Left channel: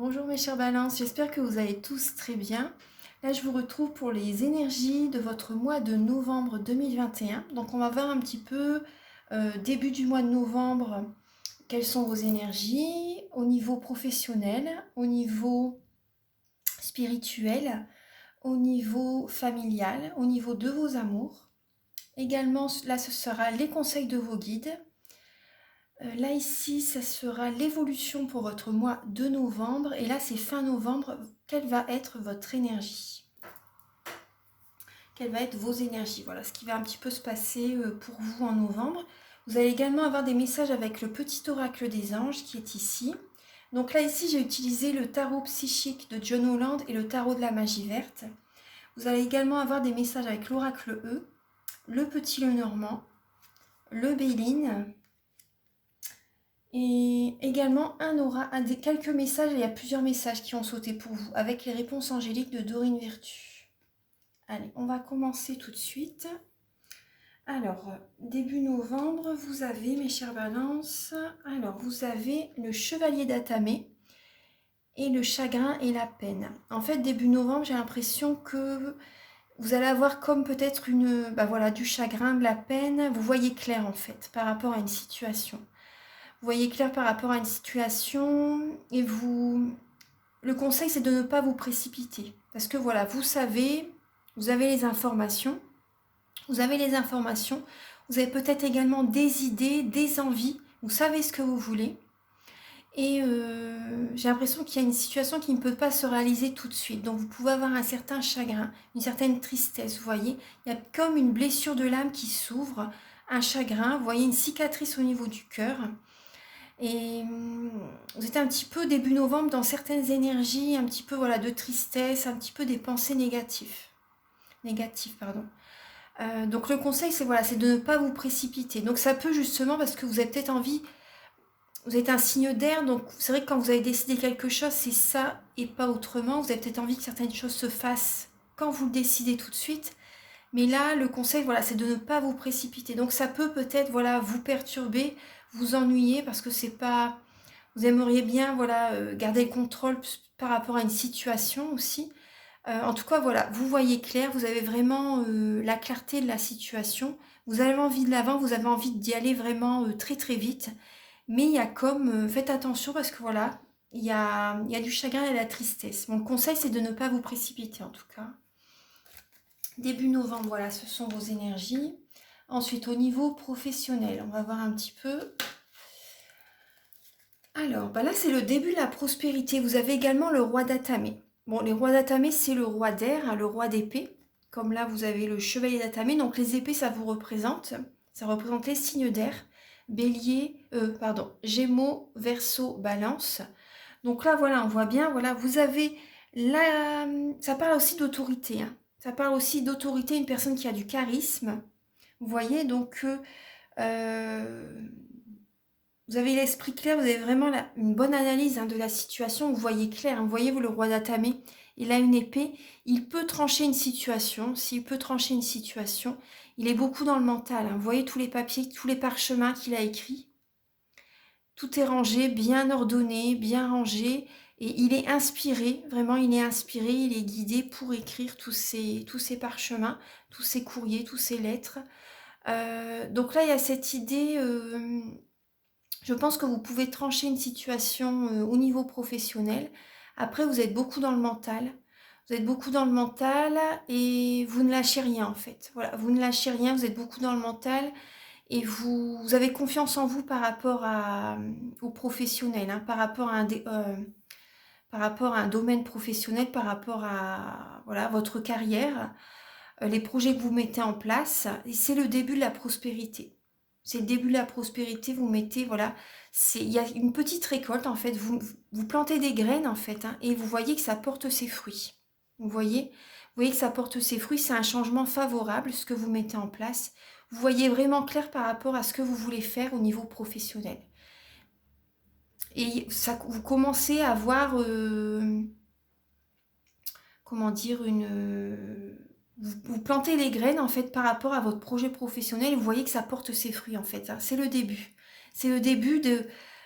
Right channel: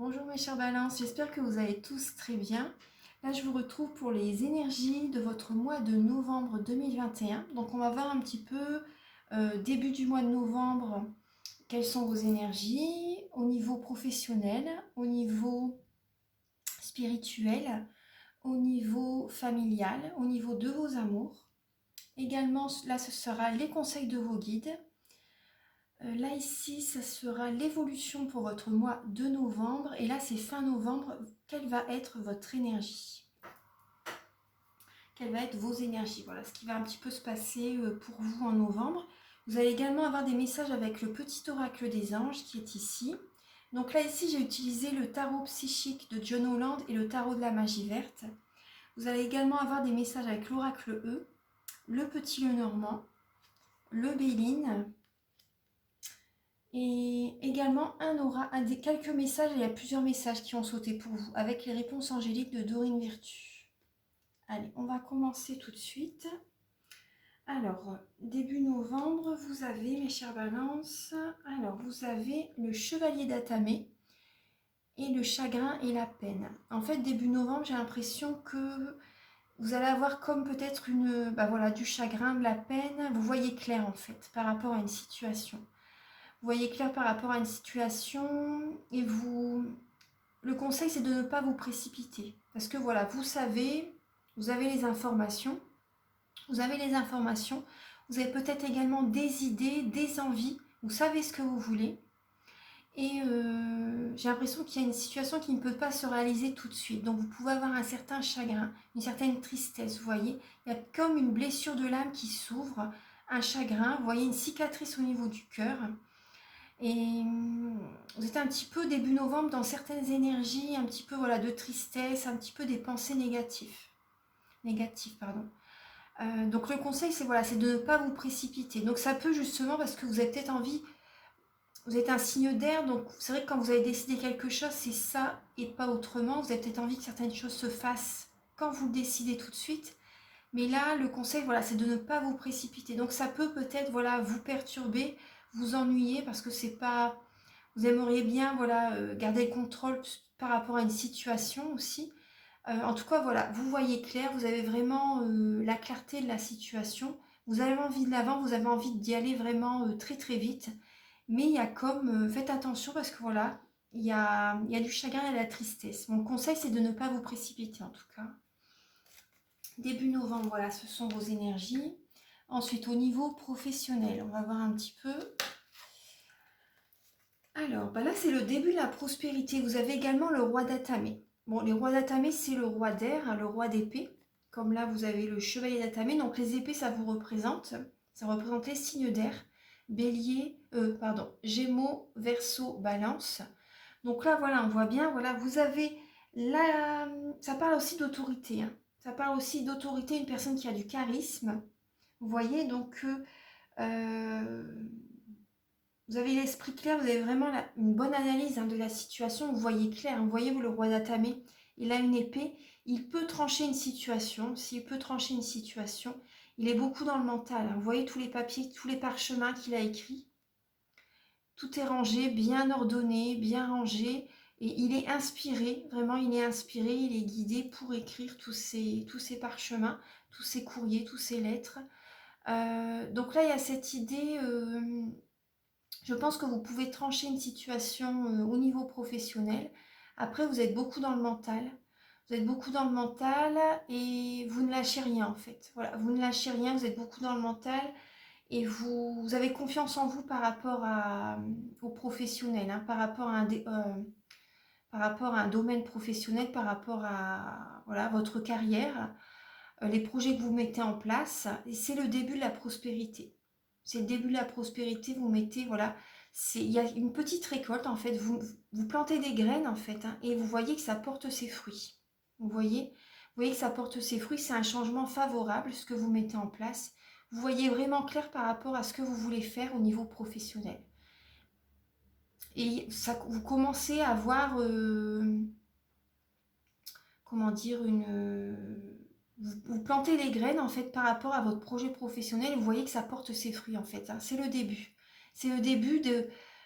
Bonjour mes chers balances, j'espère que vous allez tous très bien. Là je vous retrouve pour les énergies de votre mois de novembre 2021. Donc on va voir un petit peu début du mois de novembre, quelles sont vos énergies au niveau professionnel, au niveau spirituel, au niveau familial, au niveau de vos amours. Également là ce sera les conseils de vos guides. Là ici, ça sera l'évolution pour votre mois de novembre. Et là, c'est fin novembre. Quelle va être votre énergie? Quelles vont être vos énergies? Voilà ce qui va un petit peu se passer pour vous en novembre. Vous allez également avoir des messages avec le petit oracle des anges qui est ici. Donc là, ici, j'ai utilisé le tarot psychique de John Holland et le tarot de la magie verte. Vous allez également avoir des messages avec l'oracle E, le petit Lenormand, le Béline. Et également quelques messages, il y a plusieurs messages qui ont sauté pour vous, avec les réponses angéliques de Dorine Vertu. Allez, on va commencer tout de suite. Alors, début novembre, vous avez, mes chères balances, alors vous avez le chevalier d'Atamé et le chagrin et la peine. En fait, début novembre, j'ai l'impression que vous allez avoir comme peut-être du chagrin, de la peine. Vous voyez clair en fait, par rapport à une situation. Vous voyez clair par rapport à une situation et le conseil c'est de ne pas vous précipiter parce que voilà, vous avez les informations, vous avez peut-être également des idées, des envies, vous savez ce que vous voulez et j'ai l'impression qu'il y a une situation qui ne peut pas se réaliser tout de suite. Donc vous pouvez avoir un certain chagrin, une certaine tristesse, vous voyez, il y a comme une blessure de l'âme qui s'ouvre, un chagrin, vous voyez une cicatrice au niveau du cœur. Et vous êtes un petit peu début novembre dans certaines énergies, un petit peu voilà, de tristesse, un petit peu des pensées négatives. Pardon. Donc le conseil c'est de ne pas vous précipiter. Donc ça peut justement parce que vous avez peut-être envie, vous êtes un signe d'air, donc c'est vrai que quand vous avez décidé quelque chose, c'est ça et pas autrement. Vous avez peut-être envie que certaines choses se fassent quand vous le décidez tout de suite. Mais là, le conseil, voilà, c'est de ne pas vous précipiter. Donc ça peut peut-être voilà, vous perturber, vous ennuyer parce que c'est pas... Vous aimeriez bien voilà, garder le contrôle par rapport à une situation aussi. En tout cas, voilà, vous voyez clair, vous avez vraiment la clarté de la situation. Vous avez envie de l'avant, vous avez envie d'y aller vraiment très très vite. Mais il y a comme, faites attention parce que voilà, il y a du chagrin et de la tristesse. Mon conseil, c'est de ne pas vous précipiter en tout cas. Début novembre, voilà, ce sont vos énergies. Ensuite, au niveau professionnel, on va voir un petit peu. Alors, là, c'est le début de la prospérité. Vous avez également le roi d'Atamé. Bon, les rois d'Atamé, c'est le roi d'air, hein, le roi d'épée. Comme là, vous avez le chevalier d'Atamé. Donc, les épées, ça vous représente. Ça représente les signes d'air. Gémeaux, Verseau, Balance. Donc là, voilà, on voit bien, voilà, vous avez là, ça parle aussi d'autorité, hein. Ça parle aussi d'autorité, une personne qui a du charisme. Vous voyez, donc vous avez l'esprit clair, vous avez vraiment une bonne analyse de la situation, vous voyez clair, hein. Vous voyez, vous, le roi d'Atamé, il a une épée, il peut trancher une situation, s'il peut trancher une situation, il est beaucoup dans le mental, hein. Vous voyez tous les papiers, tous les parchemins qu'il a écrits, tout est rangé, bien ordonné, bien rangé, et il est inspiré, vraiment il est inspiré, il est guidé pour écrire tous ces parchemins, tous ces courriers, tous ces lettres. Donc là, il y a cette idée, je pense que vous pouvez trancher une situation au niveau professionnel. Après, vous êtes beaucoup dans le mental. Vous êtes beaucoup dans le mental et vous ne lâchez rien en fait. Voilà, vous ne lâchez rien, vous êtes beaucoup dans le mental et vous avez confiance en vous par rapport au professionnel, hein, par rapport à un domaine professionnel, par rapport à voilà, votre carrière, les projets que vous mettez en place. Et c'est le début de la prospérité. C'est le début de la prospérité, vous mettez, voilà, il y a une petite récolte en fait, vous plantez des graines en fait, hein, et vous voyez que ça porte ses fruits. Vous voyez que ça porte ses fruits, c'est un changement favorable ce que vous mettez en place. Vous voyez vraiment clair par rapport à ce que vous voulez faire au niveau professionnel. Et ça, vous commencez à voir, comment dire, vous plantez les graines en fait par rapport à votre projet professionnel et vous voyez que ça porte ses fruits en fait, hein. C'est le début. C'est le début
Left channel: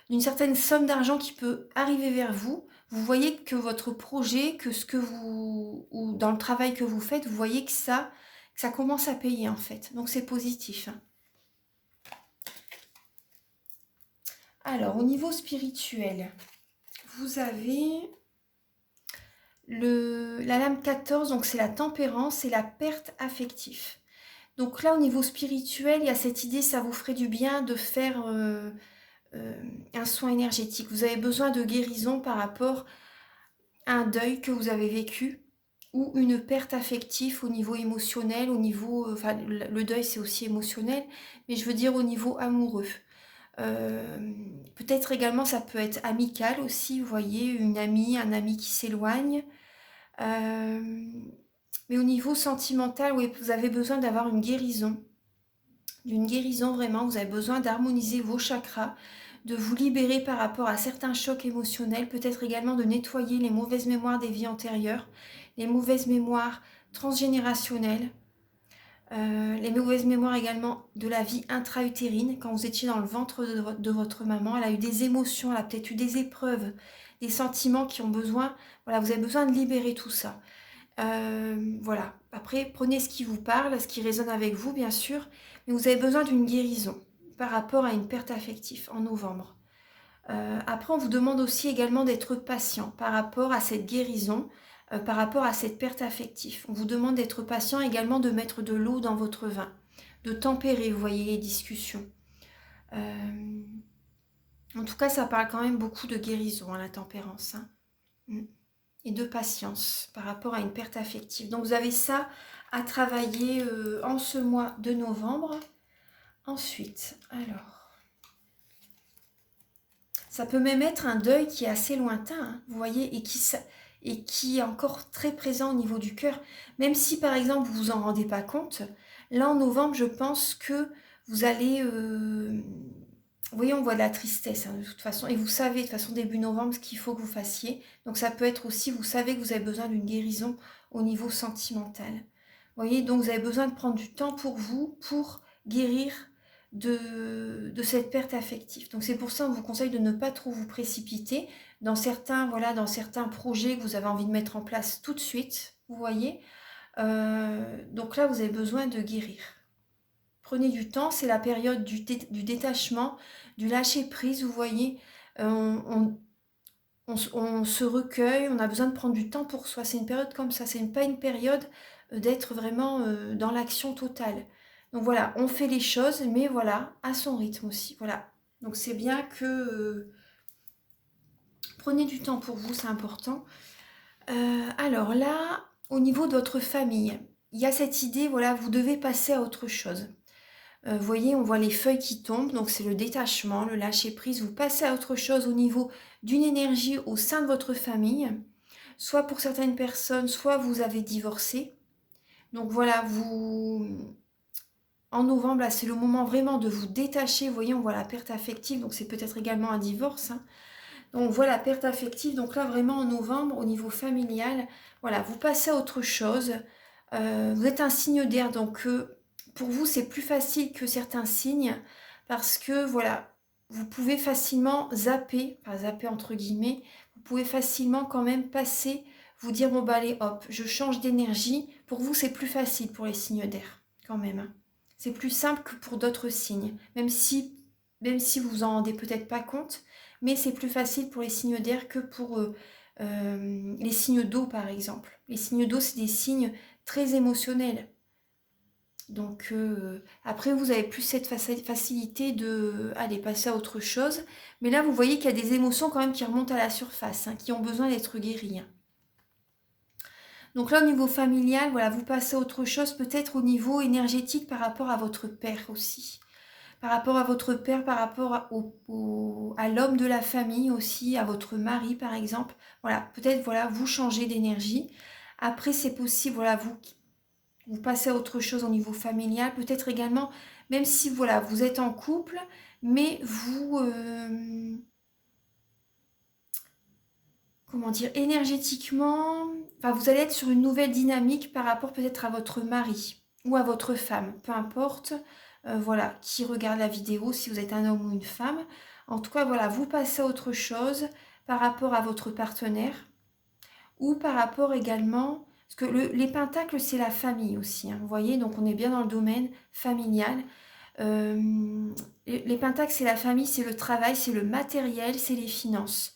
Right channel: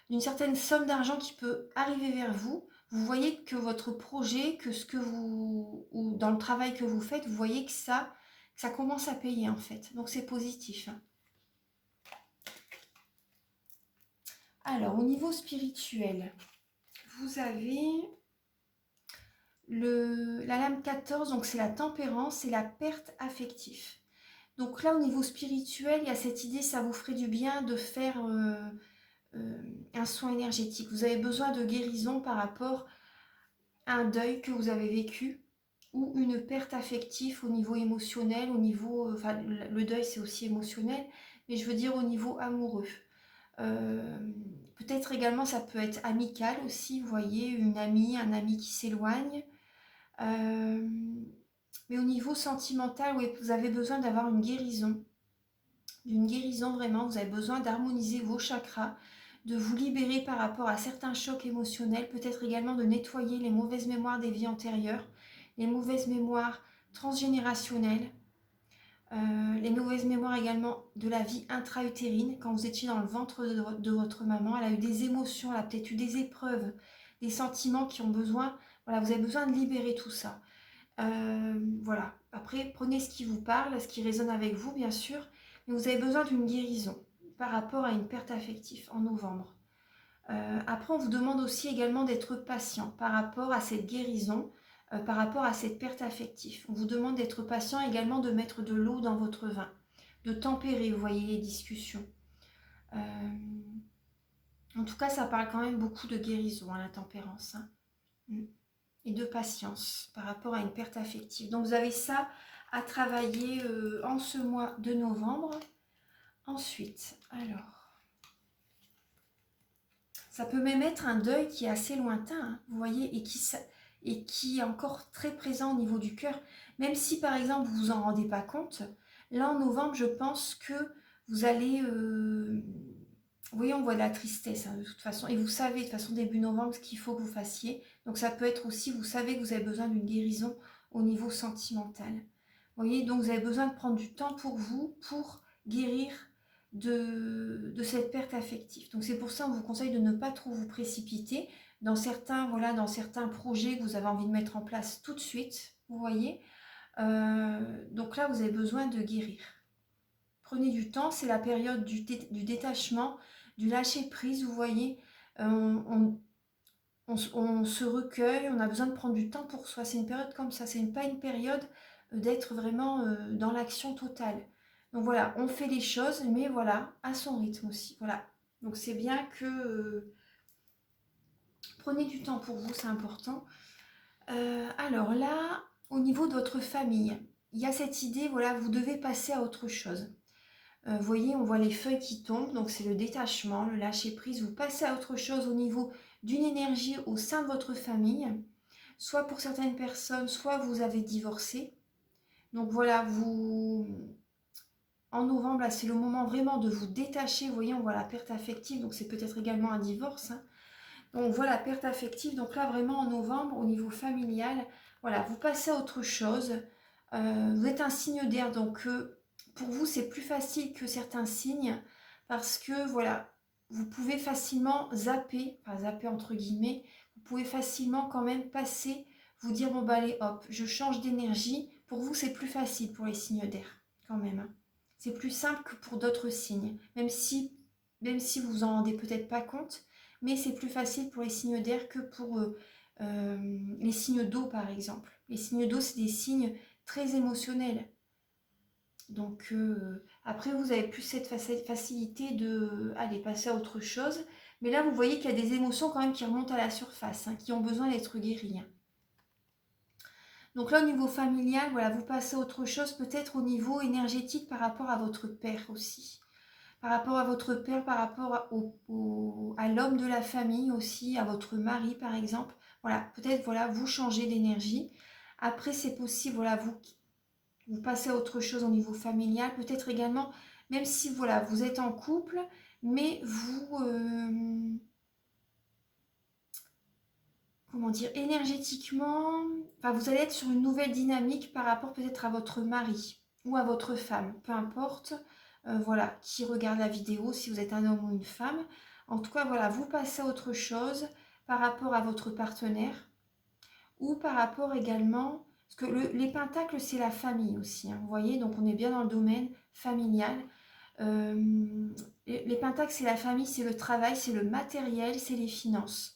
d'une certaine somme d'argent qui peut arriver vers vous. vous voyez que votre projet, que ce que ou dans le travail que vous faites, vous voyez que ça commence à payer en fait. Donc c'est positif. Alors, au niveau spirituel, vous avez la lame 14, donc c'est la tempérance et la perte affective. Donc là, au niveau spirituel, il y a cette idée, ça vous ferait du bien de faire un soin énergétique. Vous avez besoin de guérison par rapport à un deuil que vous avez vécu ou une perte affective au niveau émotionnel, au niveau... Enfin, le deuil, c'est aussi émotionnel, mais je veux dire au niveau amoureux. Peut-être également, ça peut être amical aussi, vous voyez, une amie, un ami qui s'éloigne. Mais au niveau sentimental, oui, vous avez besoin d'avoir une guérison. D'une guérison vraiment, vous avez besoin d'harmoniser vos chakras, de vous libérer par rapport à certains chocs émotionnels, peut-être également de nettoyer les mauvaises mémoires des vies antérieures, les mauvaises mémoires transgénérationnelles, les mauvaises mémoires également de la vie intra-utérine, quand vous étiez dans le ventre de votre maman, elle a eu des émotions, elle a peut-être eu des épreuves, des sentiments qui ont besoin, voilà, vous avez besoin de libérer tout ça. Voilà, après prenez ce qui vous parle, ce qui résonne avec vous bien sûr, mais vous avez besoin d'une guérison par rapport à une perte affective en novembre. Après on vous demande aussi également d'être patient par rapport à cette guérison, par rapport à cette perte affective. On vous demande d'être patient également, de mettre de l'eau dans votre vin, de tempérer, vous voyez, les discussions. En tout cas ça parle quand même beaucoup de guérison, la tempérance. Et de patience par rapport à une perte affective. Donc vous avez ça à travailler en ce mois de novembre. Ensuite, alors, ça peut même être un deuil qui est assez lointain, hein, vous voyez, et qui est encore très présent au niveau du cœur. Même si par exemple vous vous en rendez pas compte, là en novembre, je pense que vous allez... vous voyez, on voit de la tristesse hein, de toute façon. Et vous savez, de toute façon, début novembre, ce qu'il faut que vous fassiez. Donc ça peut être aussi, vous savez que vous avez besoin d'une guérison au niveau sentimental. Vous voyez, donc vous avez besoin de prendre du temps pour vous, pour guérir de cette perte affective. Donc c'est pour ça qu'on vous conseille de ne pas trop vous précipiter dans certains, voilà, dans certains projets que vous avez envie de mettre en place tout de suite. Vous voyez, donc là, vous avez besoin de guérir. Prenez du temps, c'est la période du détachement, du lâcher-prise, vous voyez. On se recueille, on a besoin de prendre du temps pour soi. C'est une période comme ça, c'est pas une période d'être vraiment dans l'action totale. Donc voilà, on fait les choses, mais voilà, à son rythme aussi. Voilà. Donc c'est bien que prenez du temps pour vous, c'est important. Alors là, au niveau de votre famille, il y a cette idée, voilà, vous devez passer à autre chose. Vous voyez, on voit les feuilles qui tombent, donc c'est le détachement, le lâcher-prise. Vous passez à autre chose au niveau d'une énergie au sein de votre famille. Soit pour certaines personnes, soit vous avez divorcé. Donc voilà, en novembre, là, c'est le moment vraiment de vous détacher. Vous voyez, on voit la perte affective, donc c'est peut-être également un divorce. Hein. Donc on voit la perte affective, donc là vraiment en novembre, au niveau familial, voilà, vous passez à autre chose. Vous êtes un signe d'air, donc... pour vous, c'est plus facile que certains signes parce que, voilà, vous pouvez facilement zapper, enfin zapper entre guillemets, vous pouvez facilement quand même passer, vous dire, bon bah allez, hop, je change d'énergie. Pour vous, c'est plus facile pour les signes d'air, quand même. C'est plus simple que pour d'autres signes, même si vous vous en rendez peut-être pas compte, mais c'est plus facile pour les signes d'air que pour les signes d'eau, par exemple. Les signes d'eau, c'est des signes très émotionnels. Donc après, vous avez plus cette facilité de aller passer à autre chose. Mais là, vous voyez qu'il y a des émotions quand même qui remontent à la surface, hein, qui ont besoin d'être guéries. Hein. Donc là, au niveau familial, voilà, vous passez à autre chose, peut-être au niveau énergétique par rapport à votre père aussi. Par rapport à votre père, par rapport à l'homme de la famille aussi, à votre mari par exemple. Voilà, peut-être voilà, vous changez d'énergie. Après, c'est possible, voilà, vous passez à autre chose au niveau familial, peut-être également, même si voilà, vous êtes en couple, mais vous, comment dire, énergétiquement, enfin, vous allez être sur une nouvelle dynamique par rapport peut-être à votre mari ou à votre femme, peu importe, voilà, qui regarde la vidéo, si vous êtes un homme ou une femme. En tout cas, voilà, vous passez à autre chose par rapport à votre partenaire ou par rapport également, parce que les pentacles, c'est la famille aussi, hein, vous voyez, donc on est bien dans le domaine familial. Les pentacles, c'est la famille, c'est le travail, c'est le matériel, c'est les finances.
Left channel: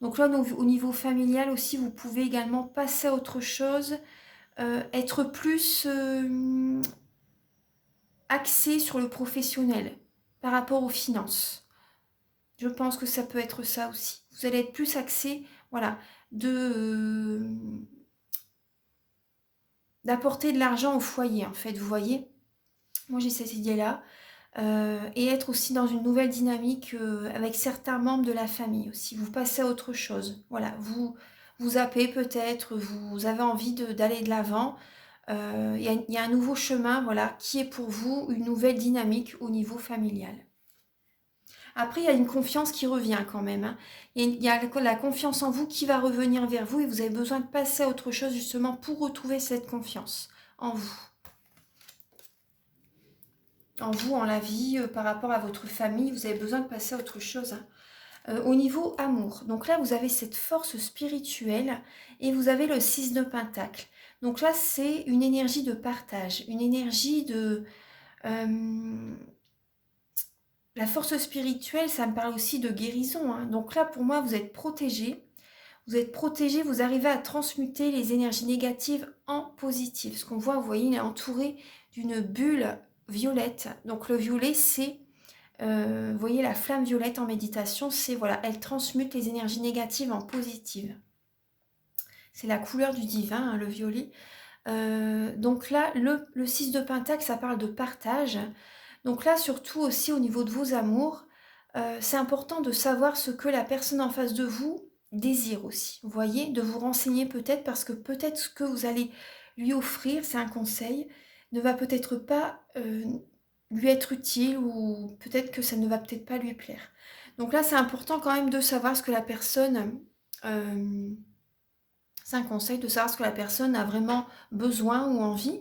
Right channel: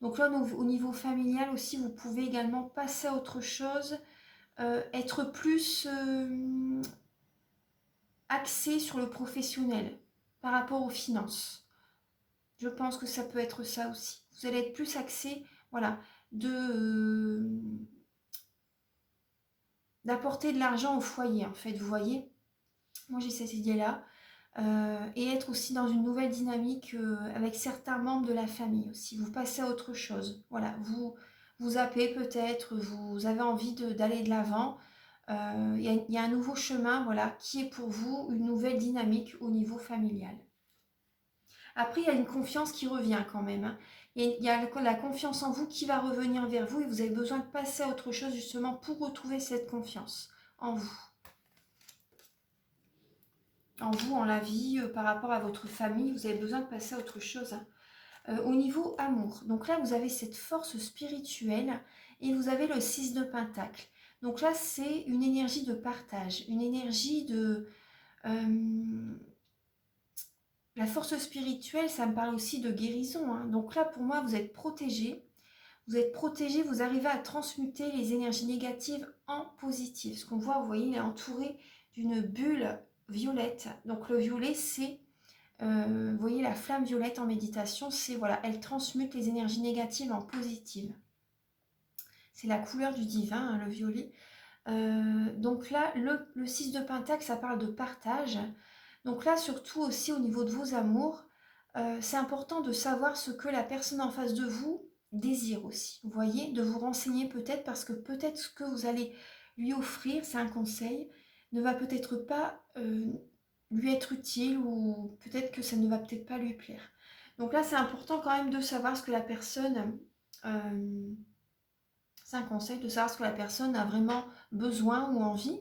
Donc là, au niveau familial aussi, vous pouvez également passer à autre chose, être plus axé sur le professionnel par rapport aux finances. Je pense que ça peut être ça aussi. Vous allez être plus axé, voilà, d'apporter de l'argent au foyer, en fait, vous voyez. Moi, j'ai cette idée-là. Et être aussi dans une nouvelle dynamique avec certains membres de la famille aussi. Vous passez à autre chose. Voilà, vous zappez peut-être, vous avez envie d'aller de l'avant. Il y a un nouveau chemin, voilà, qui est pour vous une nouvelle dynamique au niveau familial. Après, il y a une confiance qui revient quand même, hein. Il y a la confiance en vous qui va revenir vers vous et vous avez besoin de passer à autre chose justement pour retrouver cette confiance en vous. En vous, en la vie, par rapport à votre famille, vous avez besoin de passer à autre chose, hein. Au niveau amour, donc là, vous avez cette force spirituelle et vous avez le 6 de Pentacle. Donc là, c'est une énergie de partage, une énergie de... la force spirituelle, ça me parle aussi de guérison, hein. Donc là, pour moi, vous êtes protégé. Vous êtes protégé, vous arrivez à transmuter les énergies négatives en positives. Ce qu'on voit, vous voyez, il est entouré d'une bulle violette. Donc le violet, c'est, vous voyez, la flamme violette en méditation, c'est, voilà, elle transmute les énergies négatives en positives. C'est la couleur du divin, hein, le violet. Donc là, le 6 de Pentacle, ça parle de partage. Donc là, surtout aussi au niveau de vos amours, c'est important de savoir ce que la personne en face de vous désire aussi. Vous voyez, de vous renseigner peut-être parce que peut-être ce que vous allez lui offrir, c'est un conseil, ne va peut-être pas lui être utile ou peut-être que ça ne va peut-être pas lui plaire. Donc là, c'est important quand même de savoir ce que la personne... c'est un conseil de savoir ce que la personne a vraiment besoin ou envie.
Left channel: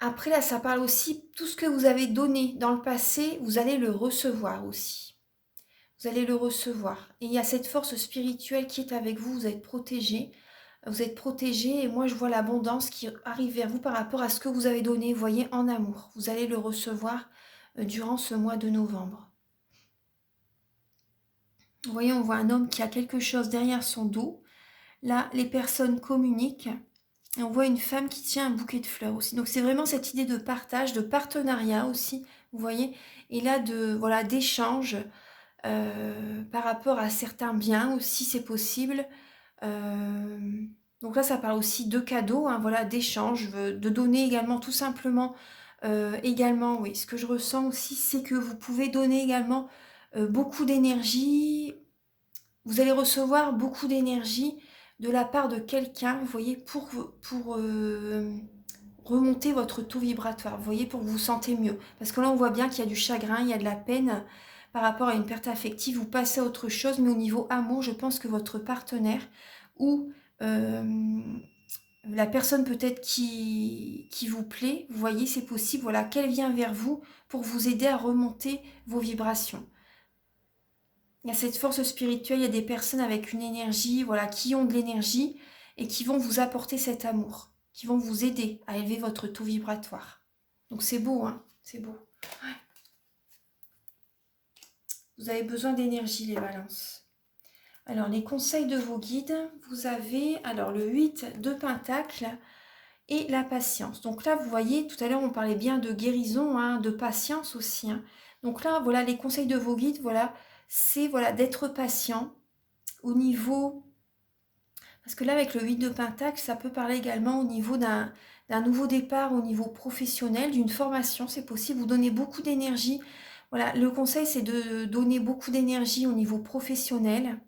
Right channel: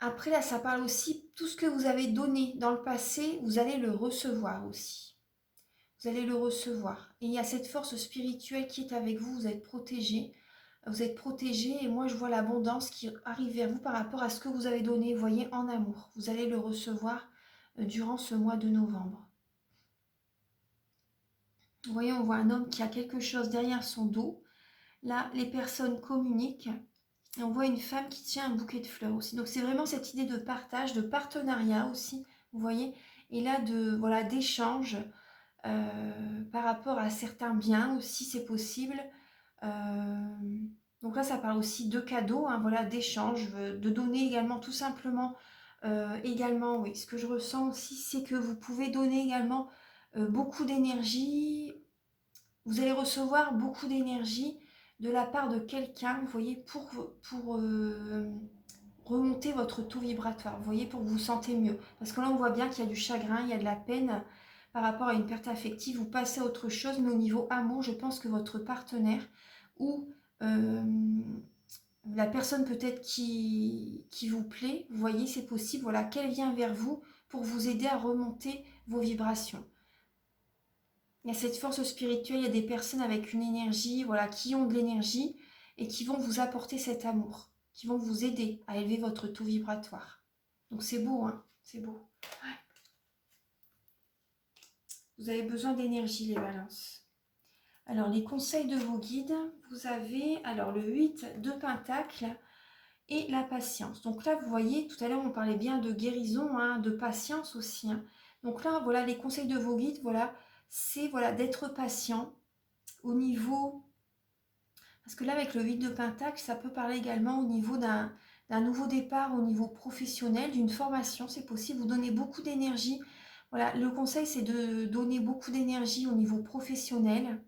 Après, là, ça parle aussi, tout ce que vous avez donné dans le passé, vous allez le recevoir aussi. Vous allez le recevoir. Et il y a cette force spirituelle qui est avec vous, vous êtes protégé. Vous êtes protégé et moi, je vois l'abondance qui arrive vers vous par rapport à ce que vous avez donné, vous voyez, en amour. Vous allez le recevoir durant ce mois de novembre. Vous voyez, on voit un homme qui a quelque chose derrière son dos. Là, les personnes communiquent. Et on voit une femme qui tient un bouquet de fleurs aussi. Donc c'est vraiment cette idée de partage, de partenariat aussi, vous voyez. Et là, voilà, d'échange par rapport à certains biens aussi, c'est possible. Donc là, ça parle aussi de cadeaux, hein, voilà, d'échange, de donner également tout simplement. Également, oui, ce que je ressens aussi, c'est que vous pouvez donner également beaucoup d'énergie. Vous allez recevoir beaucoup d'énergie de la part de quelqu'un, vous voyez, pour remonter votre taux vibratoire, vous voyez, pour que vous vous sentez mieux. Parce que là, on voit bien qu'il y a du chagrin, il y a de la peine par rapport à une perte affective, vous passez à autre chose, mais au niveau amour, je pense que votre partenaire ou la personne peut-être qui vous plaît, vous voyez, c'est possible, voilà, qu'elle vient vers vous pour vous aider à remonter vos vibrations. Il y a cette force spirituelle, il y a des personnes avec une énergie, voilà, qui ont de l'énergie et qui vont vous apporter cet amour, qui vont vous aider à élever votre taux vibratoire. Donc c'est beau, hein, c'est beau. Ouais. Vous avez besoin d'énergie, les balances. Alors, les conseils de vos guides, vous avez alors le 8 de Pentacle et la patience. Donc là, vous voyez, tout à l'heure, on parlait bien de guérison, hein, de patience aussi, hein. Donc là, voilà, les conseils de vos guides, voilà, c'est voilà, d'être patient au niveau... Parce que là, avec le 8 de Pentacle, ça peut parler également au niveau d'un nouveau départ, au niveau professionnel, d'une formation, c'est possible. Vous donnez beaucoup d'énergie. Voilà, le conseil, c'est de donner beaucoup d'énergie au niveau professionnel.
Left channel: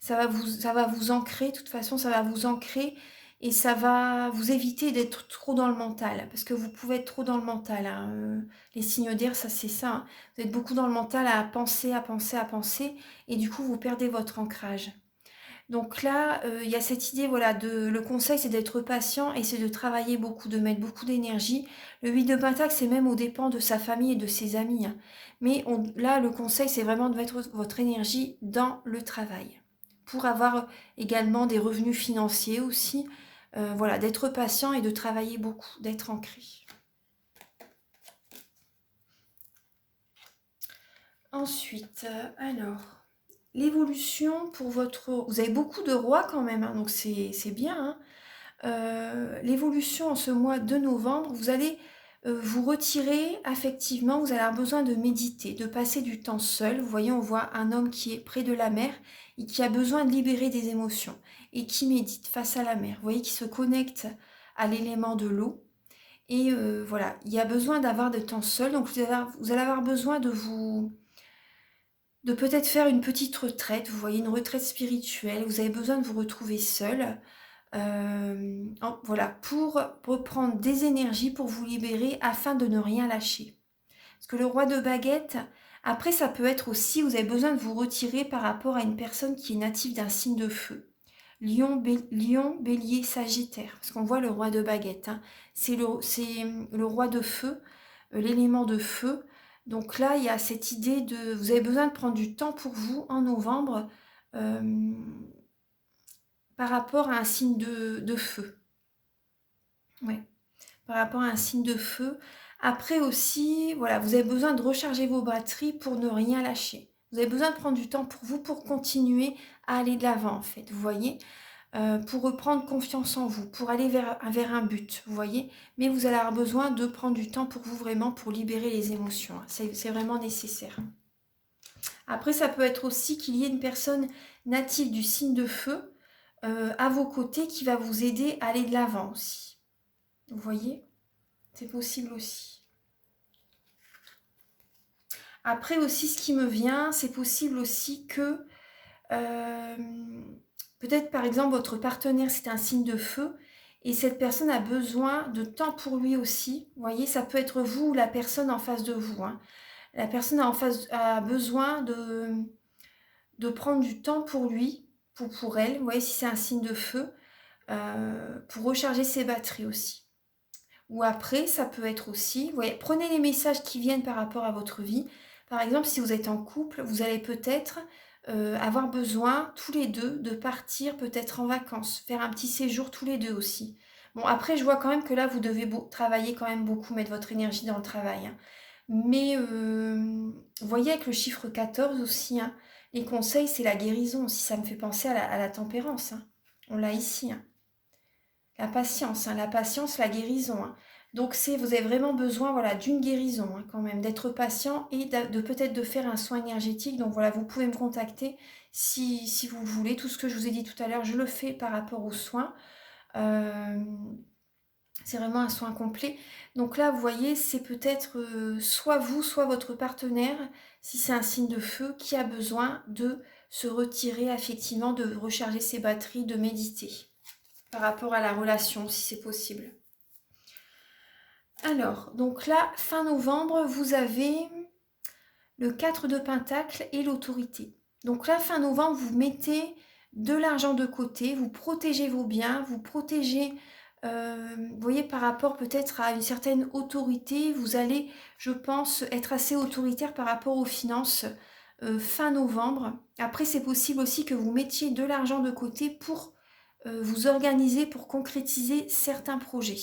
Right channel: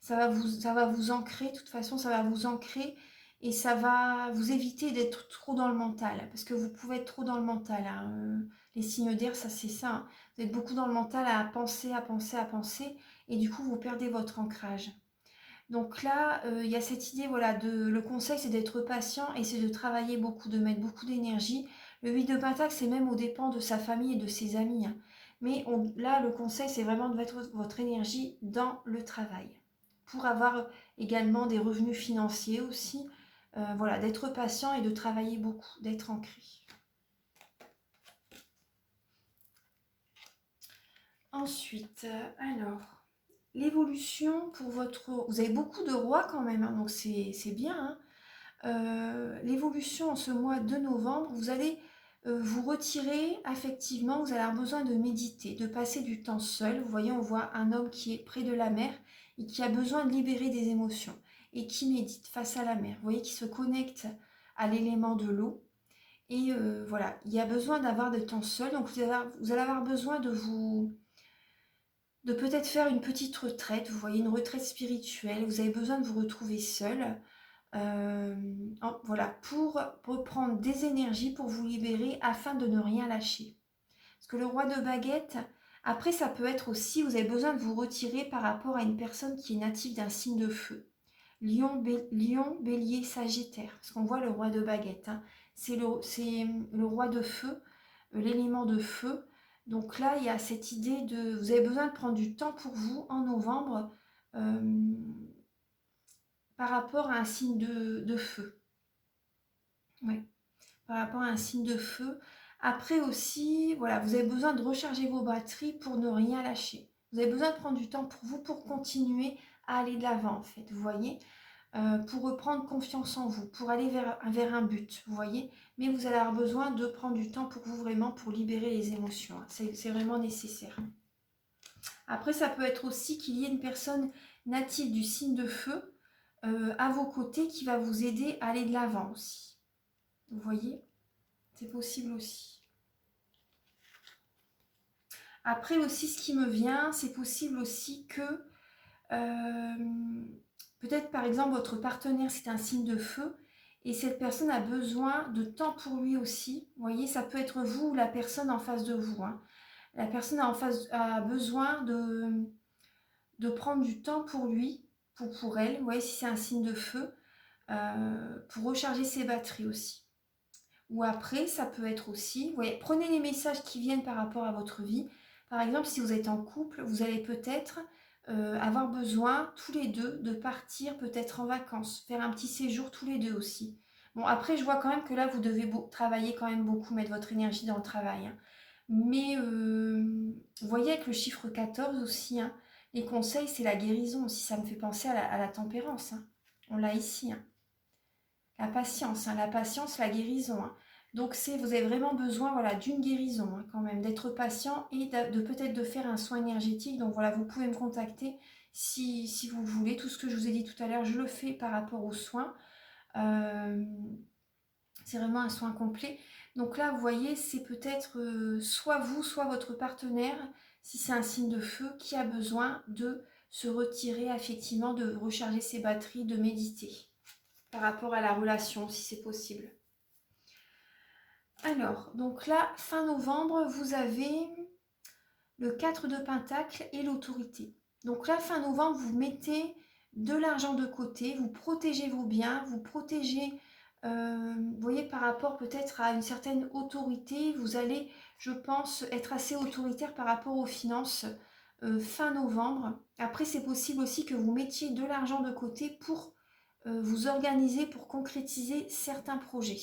Ça va vous ancrer, de toute façon, ça va vous ancrer et ça va vous éviter d'être trop dans le mental. Parce que vous pouvez être trop dans le mental, hein. Les signes d'air, ça c'est ça, hein. Vous êtes beaucoup dans le mental à penser, à penser, à penser. Et du coup, vous perdez votre ancrage. Donc là, il y a cette idée, voilà, le conseil, c'est d'être patient et c'est de travailler beaucoup, de mettre beaucoup d'énergie. Le 8 de Pentacle, c'est même aux dépens de sa famille et de ses amis, hein. Mais là, le conseil, c'est vraiment de mettre votre énergie dans le travail pour avoir également des revenus financiers aussi. Voilà, d'être patient et de travailler beaucoup, d'être ancré. Ensuite, alors, l'évolution pour votre... Vous avez beaucoup de rois quand même, hein, donc c'est bien. Hein. L'évolution en ce mois de novembre, vous allez vous retirer affectivement, vous allez avoir besoin de méditer, de passer du temps seul. Vous voyez, on voit un homme qui est près de la mer et qui a besoin de libérer des émotions et qui médite face à la mer. Vous voyez, qui se connecte à l'élément de l'eau. Et voilà, il y a besoin d'avoir de temps seul. Donc vous allez avoir besoin de peut-être faire une petite retraite. Vous voyez, une retraite spirituelle. Vous avez besoin de vous retrouver seul. Voilà, pour reprendre des énergies, pour vous libérer afin de ne rien lâcher. Parce que le roi de baguette, après ça peut être aussi, vous avez besoin de vous retirer par rapport à une personne qui est native d'un signe de feu. Lion, bélier, sagittaire. Parce qu'on voit le roi de baguette. Hein. C'est le roi de feu, l'élément de feu. Donc là, il y a cette idée de... Vous avez besoin de prendre du temps pour vous en novembre. Par rapport à un signe de feu. Ouais, par rapport à un signe de feu. Après aussi, voilà, vous avez besoin de recharger vos batteries pour ne rien lâcher. Vous avez besoin de prendre du temps pour vous, pour continuer à aller de l'avant, en fait, vous voyez, pour reprendre confiance en vous, pour aller vers un but, vous voyez. Mais vous allez avoir besoin de prendre du temps pour vous, vraiment, pour libérer les émotions. Hein. C'est vraiment nécessaire. Après, ça peut être aussi qu'il y ait une personne native du signe de feu à vos côtés qui va vous aider à aller de l'avant aussi. Vous voyez, c'est possible aussi. Après aussi, ce qui me vient, c'est possible aussi que peut-être par exemple votre partenaire c'est un signe de feu et cette personne a besoin de temps pour lui aussi. Vous voyez, ça peut être vous ou la personne en face de vous. Hein. La personne a besoin de prendre du temps pour lui, pour elle. Vous voyez, si c'est un signe de feu, pour recharger ses batteries aussi. Ou après, ça peut être aussi, vous voyez, prenez les messages qui viennent par rapport à votre vie. Par exemple, si vous êtes en couple, vous allez peut-être avoir besoin tous les deux de partir peut-être en vacances, faire un petit séjour tous les deux aussi. Bon, après, je vois quand même que là, vous devez travailler quand même beaucoup, mettre votre énergie dans le travail. Hein. Mais vous voyez avec le chiffre 14 aussi, hein, les conseils, c'est la guérison aussi. Ça me fait penser à la tempérance. Hein. On l'a ici. Hein. La patience, la guérison. Hein. Donc vous avez vraiment besoin voilà, d'une guérison hein, quand même, d'être patient et de peut-être de faire un soin énergétique. Donc voilà, vous pouvez me contacter si vous le voulez. Tout ce que je vous ai dit tout à l'heure, je le fais par rapport aux soins. C'est vraiment un soin complet. Donc là, vous voyez, c'est peut-être soit vous, soit votre partenaire, si c'est un signe de feu, qui a besoin de se retirer effectivement, de recharger ses batteries, de méditer par rapport à la relation, si c'est possible. Alors, donc là, fin novembre, vous avez le 4 de Pentacle et l'autorité. Donc là, fin novembre, vous mettez de l'argent de côté, vous protégez vos biens, vous protégez, vous voyez, par rapport peut-être à une certaine autorité, vous allez, je pense, être assez autoritaire par rapport aux finances fin novembre. Après, c'est possible aussi que vous mettiez de l'argent de côté pour vous organiser, pour concrétiser certains projets.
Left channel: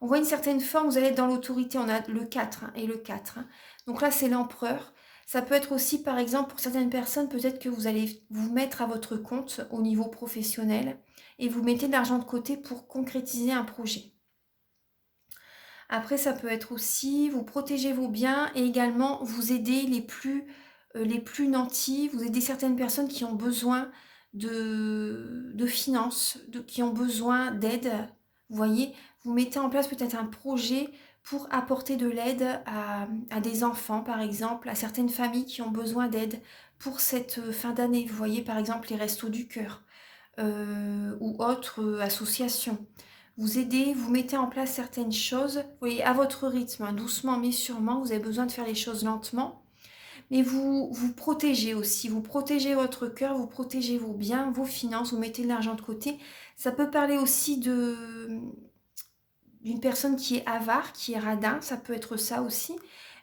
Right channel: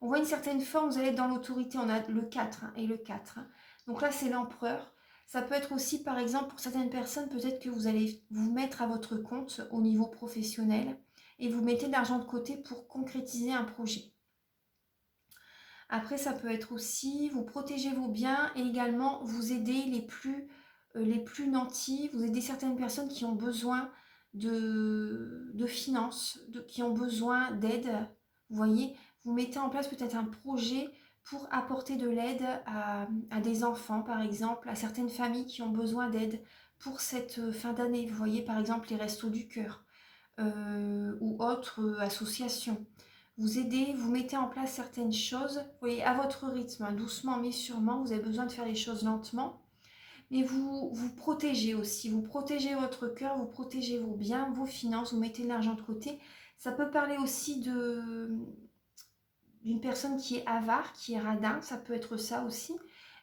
On voit une certaine forme, vous allez être dans l'autorité, on a le 4 hein, et le 4. Hein. Donc là, c'est l'empereur. Ça peut être aussi, par exemple, pour certaines personnes, peut-être que vous allez vous mettre à votre compte au niveau professionnel et vous mettez de l'argent de côté pour concrétiser un projet. Après, ça peut être aussi, vous protégez vos biens et également vous aider les plus nantis, vous aidez certaines personnes qui ont besoin de finances, qui ont besoin d'aide. Vous voyez, vous mettez en place peut-être un projet pour apporter de l'aide à des enfants, par exemple, à certaines familles qui ont besoin d'aide pour cette fin d'année. Vous voyez, par exemple, les Restos du Cœur ou autres associations. Vous aidez, vous mettez en place certaines choses, vous voyez, à votre rythme, hein, doucement mais sûrement, vous avez besoin de faire les choses lentement. Mais vous protégez aussi, vous protégez votre cœur, vous protégez vos biens, vos finances, vous mettez de l'argent de côté. Ça peut parler aussi d'une personne qui est avare, qui est radin, ça peut être ça aussi.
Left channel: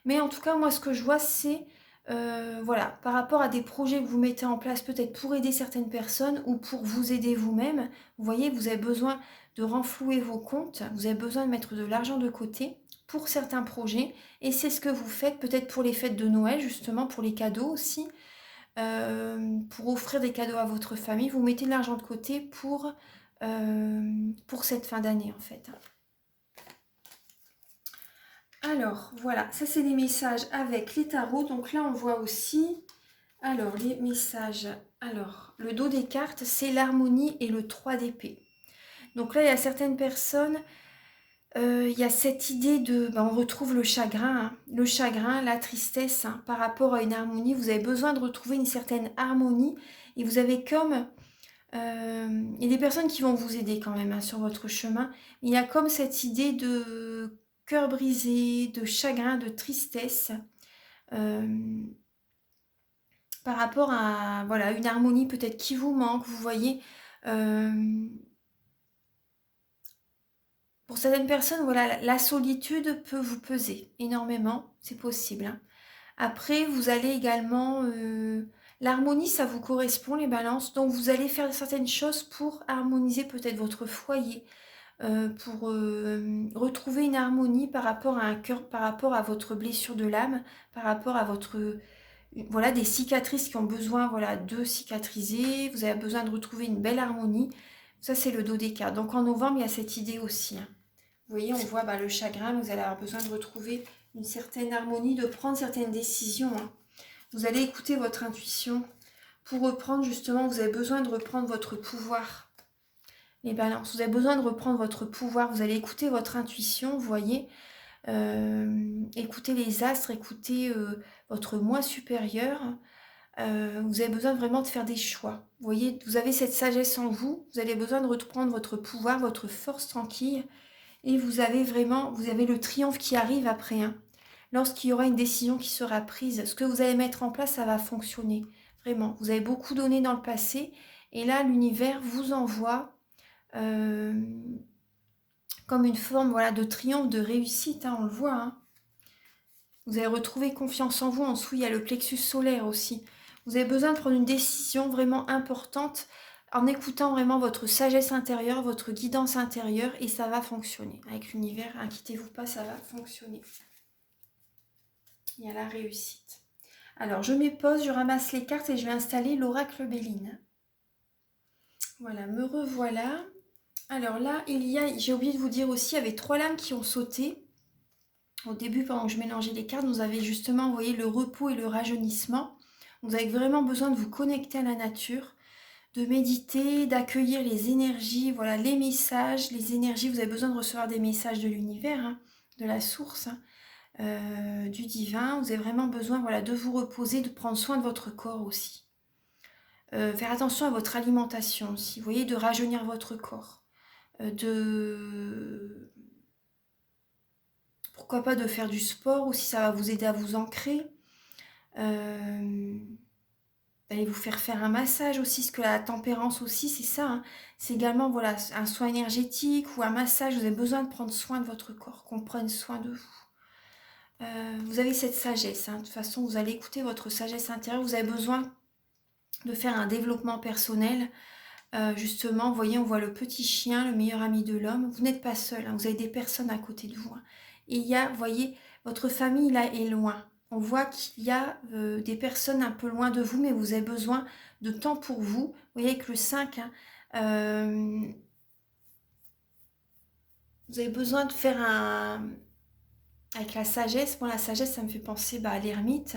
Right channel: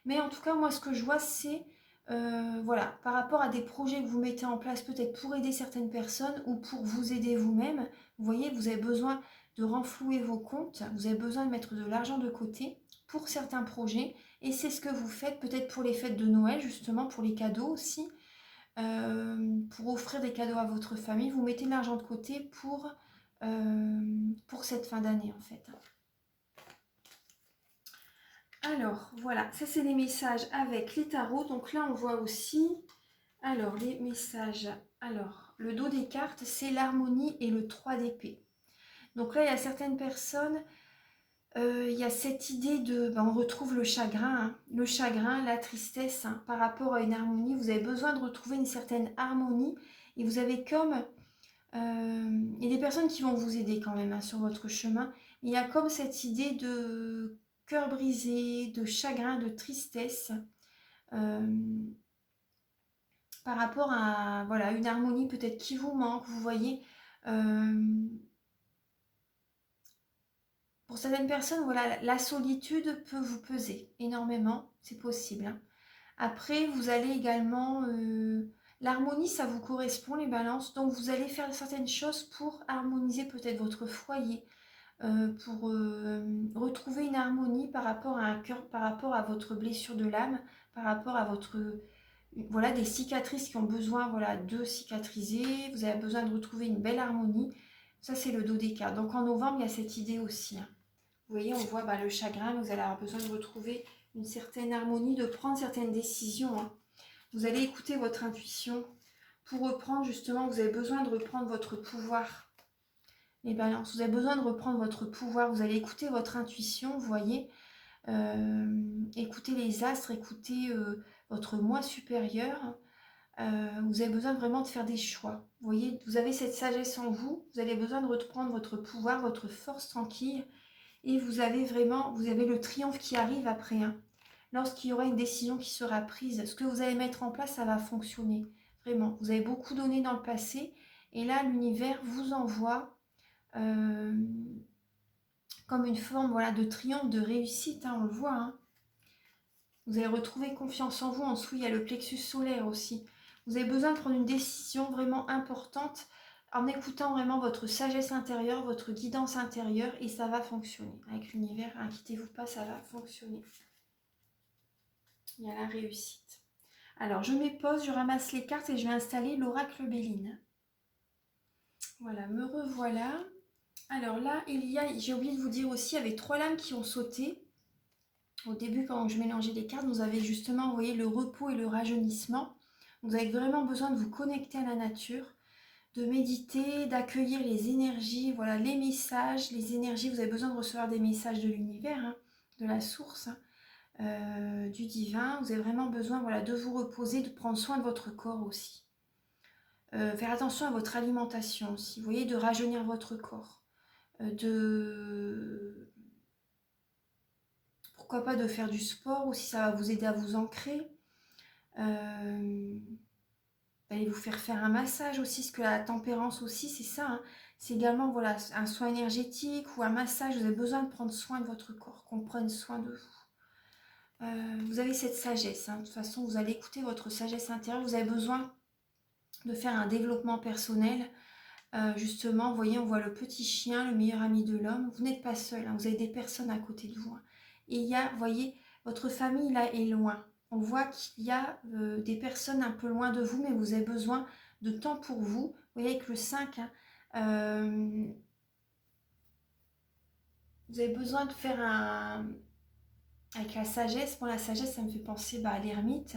Mais en tout cas, moi, ce que je vois, c'est, voilà, par rapport à des projets que vous mettez en place, peut-être pour aider certaines personnes ou pour vous aider vous-même. Vous voyez, vous avez besoin de renflouer vos comptes, vous avez besoin de mettre de l'argent de côté pour certains projets. Et c'est ce que vous faites peut-être pour les fêtes de Noël, justement, pour les cadeaux aussi. Pour offrir des cadeaux à votre famille, vous mettez de l'argent de côté pour cette fin d'année, en fait. Alors, voilà, ça c'est les messages avec les tarots. Donc là, on voit aussi, alors, les messages. Alors, le dos des cartes, c'est l'harmonie et le 3 d'épée. Donc là, il y a certaines personnes, il y a cette idée de, on retrouve le chagrin, la tristesse, hein, par rapport à une harmonie. Vous avez besoin de retrouver une certaine harmonie et vous avez comme, il y a des personnes qui vont vous aider quand même, hein, sur votre chemin. Il y a comme cette idée de cœur brisé, de chagrin, de tristesse, euh, par rapport à, voilà, une harmonie peut-être qui vous manque. Vous voyez, euh, pour certaines personnes, voilà, la solitude peut vous peser énormément, c'est possible, hein. Après, vous allez également, l'harmonie, ça vous correspond, les balances, donc vous allez faire certaines choses pour harmoniser peut-être votre foyer, pour retrouver une harmonie par rapport à un cœur, par rapport à votre blessure de l'âme, par rapport à votre, voilà, des cicatrices qui ont besoin, voilà, de cicatriser. Vous avez besoin de retrouver une belle harmonie. Ça, c'est le dos des cartes. Donc en novembre, il y a cette idée aussi, hein. Vous voyez, on voit le chagrin, vous allez avoir besoin de retrouver une certaine harmonie, de prendre certaines décisions, hein. Vous allez écouter votre intuition. Pour reprendre, justement, vous avez besoin de reprendre votre pouvoir. Les balances, vous avez besoin de reprendre votre pouvoir. Vous allez écouter votre intuition, vous voyez. Écoutez les astres, écoutez votre moi supérieur. Vous avez besoin vraiment de faire des choix. Vous voyez, vous avez cette sagesse en vous. Vous avez besoin de reprendre votre pouvoir, votre force tranquille. Et vous avez le triomphe qui arrive après, hein. Lorsqu'il y aura une décision qui sera prise, ce que vous allez mettre en place, ça va fonctionner. Vraiment, vous avez beaucoup donné dans le passé. Et là, l'univers vous envoie euh, comme une forme, voilà, de triomphe, de réussite, hein, on le voit, hein. Vous allez retrouver confiance en vous. En dessous, il y a le plexus solaire aussi. Vous avez besoin de prendre une décision vraiment importante en écoutant vraiment votre sagesse intérieure, votre guidance intérieure, et ça va fonctionner. Avec l'univers, inquiétez-vous pas, ça va fonctionner. Il y a la réussite. Alors, je m'épose, je ramasse les cartes et je vais installer l'oracle Béline. Voilà, me revoilà. Alors là, j'ai oublié de vous dire aussi, il y avait 3 lames qui ont sauté. Au début, pendant que je mélangeais les cartes, vous avez justement envoyé le repos et le rajeunissement. Vous avez vraiment besoin de vous connecter à la nature, de méditer, d'accueillir les énergies, voilà, les messages, les énergies. Vous avez besoin de recevoir des messages de l'univers, hein, de la source, du divin. Vous avez vraiment besoin, voilà, de vous reposer, de prendre soin de votre corps aussi. Faire attention à votre alimentation aussi, vous voyez, de rajeunir votre corps, pourquoi pas de faire du sport aussi, ça va vous aider à vous ancrer. Allez vous faire un massage aussi, parce que la tempérance aussi, c'est ça, hein. C'est également, voilà, un soin énergétique ou un massage. Vous avez besoin de prendre soin de votre corps, qu'on prenne soin de vous. Vous avez cette sagesse, hein. De toute façon, vous allez écouter votre sagesse intérieure. Vous avez besoin de faire un développement personnel. Justement, vous voyez, on voit le petit chien, le meilleur ami de l'homme. Vous n'êtes pas seul, hein. Vous avez des personnes à côté de vous, hein. Et il y a, vous voyez, votre famille là est loin. On voit qu'il y a des personnes un peu loin de vous, mais vous avez besoin de temps pour vous. Vous voyez, avec le 5, hein, vous avez besoin de faire un... Avec la sagesse, la sagesse, ça me fait penser à l'ermite.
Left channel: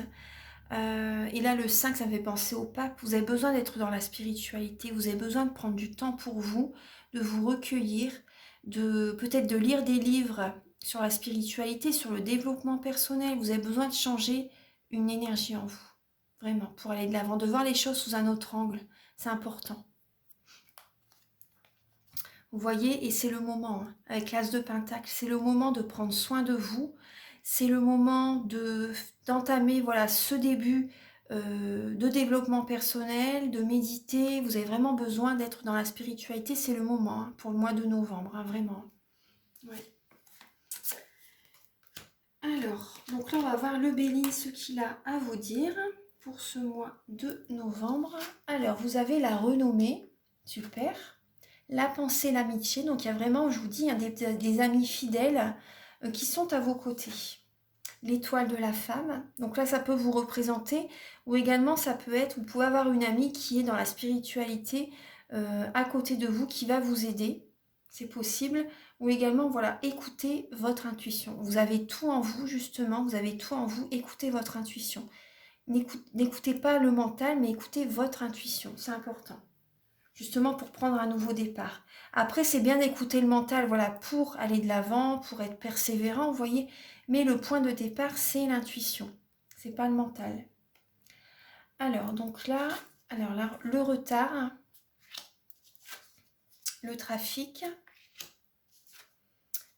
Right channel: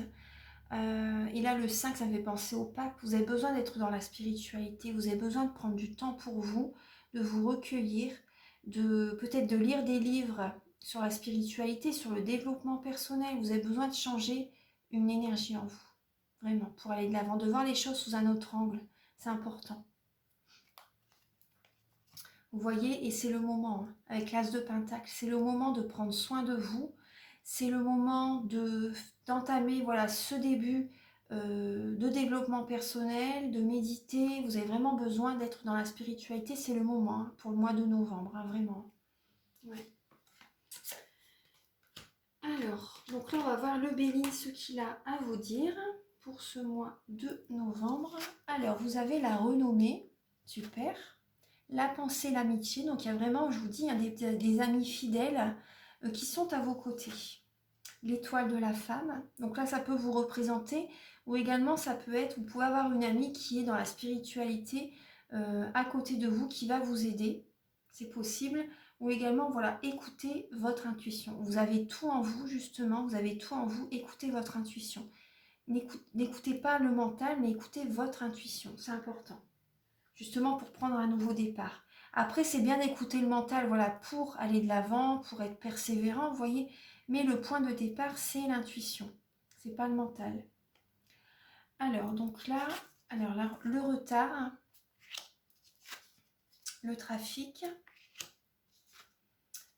Et là, le 5, ça me fait penser au pape. Vous avez besoin d'être dans la spiritualité. Vous avez besoin de prendre du temps pour vous, de vous recueillir, peut-être de lire des livres sur la spiritualité, sur le développement personnel. Vous avez besoin de changer une énergie en vous, vraiment, pour aller de l'avant, de voir les choses sous un autre angle. C'est important. Vous voyez, et c'est le moment, hein, avec l'As de Pentacle, c'est le moment de prendre soin de vous. C'est le moment d'entamer, voilà, ce début de développement personnel, de méditer. Vous avez vraiment besoin d'être dans la spiritualité. C'est le moment, hein, pour le mois de novembre, hein, vraiment. Ouais. Alors, donc là, on va voir le Béline, ce qu'il a à vous dire pour ce mois de novembre. Alors, vous avez la renommée, super. La pensée, l'amitié, donc il y a vraiment, je vous dis, hein, des amis fidèles qui sont à vos côtés. L'étoile de la femme, donc là, ça peut vous représenter, ou également, ça peut être, vous pouvez avoir une amie qui est dans la spiritualité à côté de vous, qui va vous aider, c'est possible. Ou également, voilà, écoutez votre intuition. Vous avez tout en vous, justement, vous avez tout en vous, écoutez votre intuition. N'écoutez pas le mental, mais écoutez votre intuition, c'est important. Justement pour prendre un nouveau départ. Après, c'est bien d'écouter le mental, voilà, pour aller de l'avant, pour être persévérant, vous voyez. Mais le point de départ, c'est l'intuition. C'est pas le mental. Alors, donc là, le retard, le trafic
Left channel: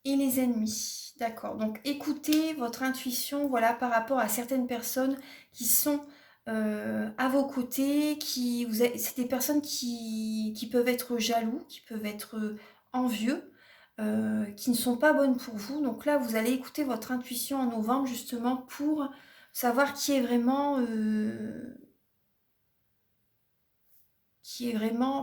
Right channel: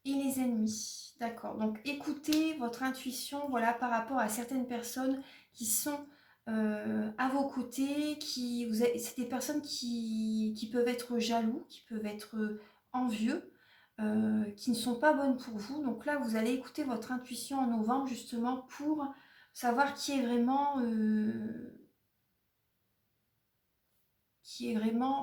et les ennemis. D'accord. Donc écoutez votre intuition, voilà, par rapport à certaines personnes qui sont à vos côtés, c'est des personnes qui peuvent être jaloux, qui peuvent être envieux, qui ne sont pas bonnes pour vous. Donc là, vous allez écouter votre intuition en novembre justement pour savoir qui est vraiment